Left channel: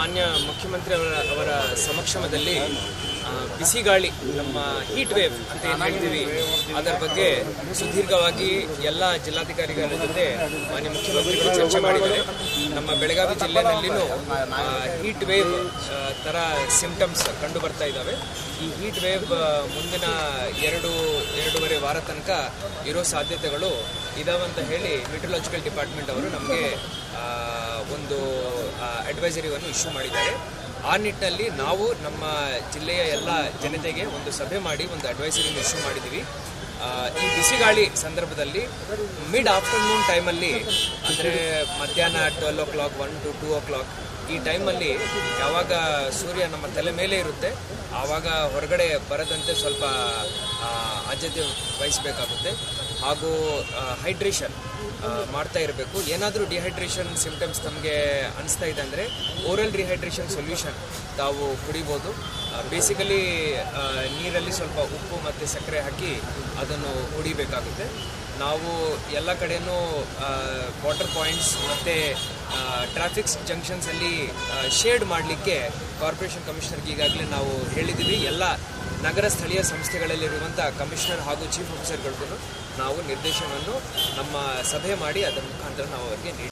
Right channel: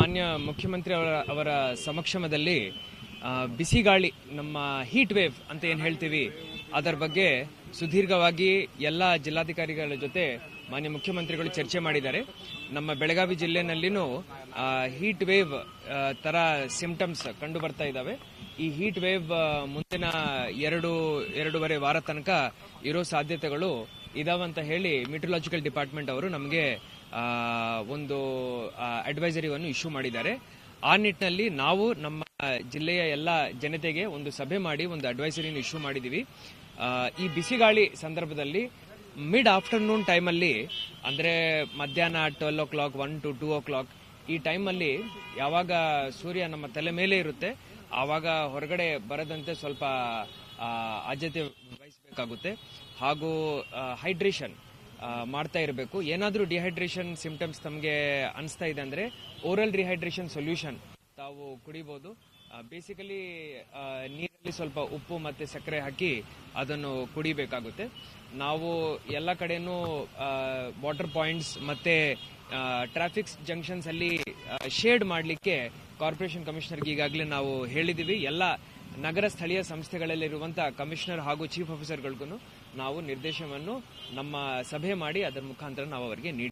ಮಾನ್ಯ ಮುಖ್ಯಮಂತ್ರಿ ಅವರ ಸಮಕ್ಷಮದಲ್ಲಿ ಬಿಸಿಗಾಳಿ ನಮ್ಮ ಹೀಟ್ ವೇವ್ ಅಂತ ಏನು ಹೇಳ್ತೀವಿ ಅದರ ಬಗ್ಗೆ ಸುದೀರ್ಘವಾಗಿ ಎಲ್ಲ ಜಿಲ್ಲಾಧಿಕಾರಿಗಳ ಜೊತೆ ಮಾನ್ಯ ಮುಖ್ಯಮಂತ್ರಿಗಳು ಚರ್ಚೆ ಮಾಡಿದ್ದಾರೆ. ನಮ್ಮ ಬೆಳಗಾವಿ ಜಿಲ್ಲೆಯಲ್ಲಿನೂ ಹೀಟ್ ವೇವ್ ಥರ ಸಿಂಪ್ಟಮ್ಸ್ ಕಂಡು ಬರ್ತಾ ಇದ್ದಾವೆ. ಈ ಹೀಟ್ ವೇವ್ ಮುಂದಿನ ಎರಡೂವರೆ ವಾರ ತನಕ ಇರೋ ಸಾಧ್ಯತೆಗಳು ಇದಾವಂತ ಹೇಳಿ ಮೆಟ್ರಲಾಜಿಕಲ್ ಡಿಪಾರ್ಟ್ಮೆಂಟ್ ಅವರು ನಮಗೆ ಒಂದು ಅಡ್ವೈಸರಿಯನ್ನು ಇಶ್ಯೂ ಮಾಡಿದ್ದಾರೆ. ಆ ನಿಟ್ಟಿನಲ್ಲಿ ನಾವು ನಮ್ಮ ಜಿಲ್ಲೆಯ ಎಲ್ಲ ಜನತೆಗೆ ಒಂದು ಸಭೆ ಮಾಡಿ ಒಂದು ಅಡ್ವೈಸರಿಯನ್ನು ಇಶ್ಯೂ ಮಾಡಿದ್ದೀವಿ. ಈ ಬಿಸಿಗಾಳಿ ಸಂದರ್ಭದಲ್ಲಿ ಮಿಡ್ ಆಫ್ಟರ್ನೂನ್ ಟೈಮಲ್ಲಿ ಅಂದರೆ ಮಧ್ಯಾಹ್ನ 12 o'clock 1 to 2 o'clock ಈ ಟೈಮಲ್ಲಿ ಯಾವಾಗ ಸೂರ್ಯ ನಮ್ಮ ತಲೆ ಮೇಲೆ ಇರುತ್ತೆ ಆವಾಗ ಹೊರಗಡೆ ಬರದಂತೆ ಸ್ವಲ್ಪ ಆದ್ಯತೆ ವಹಿಸಬೇಕಾಗುತ್ತೆ. ಹಾಗೂ ಹೈಡ್ರೇಷನ್ ಮಾಡ್ತಾ ಇರಬೇಕು. ಏನಾದರೂ ಡಿಹೈಡ್ರೇಷನ್ ಸಿಂಪ್ಟಮ್ಸ್ ನಮಗೆ ಅನಿಸ್ತಾ ಇದೆ ಅಂದರೆ ಓರಲ್ ರಿಹೈಡ್ರೇಷನ್ ಸೊಲ್ಯೂಷನ್ ತಾವು ಕುಡಿಬೋದು. ಬೇಸಿಕಲಿ ನೀರಲ್ಲಿ ಸ್ವಲ್ಪ ಉಪ್ಪು ಮತ್ತು ಸಕ್ಕರೆ ಹಾಕಿ ಅದನ್ನು ಕುಡಿಬೇಕಾಗುತ್ತೆ. ನಾವು ಎಲ್ಲ ಕಡೆಯೂ ವಾಟರ್ ಪಾಯಿಂಟ್ಸ್ ಮತ್ತು ಟ್ರಾಫಿಕ್ ಜಂಕ್ಷನ್ಸಲ್ಲಿ ಶೇಡ್ ಮಾಡಲಿಕ್ಕೆ ಕಾರ್ಪೊರೇಷನ್ ಕಮಿಷನರ್ಗೆ ಈಗಾಗಲೇ ನಾವು ಹೇಳಿದ್ದೀವಿ. ಎಲ್ಲ ನಗರ ಸ್ಥಳೀಯ ಸಂಸ್ಥೆಗಳಲ್ಲಿರುವಂಥ ಕಮಿಷನರ್ ಹಾಗೂ ಚೀಫ್ ಆಫೀಸರ್ಗಳಿಗೂ ನಾವು ನಿರ್ದೇಶನವನ್ನು ನಮ್ಮ ಸಭೆ ಮಾಡಿ ಅದರ ಮುಖಾಂತರ ನಾವು ಅವರಿಗೆ ನೀಡಿ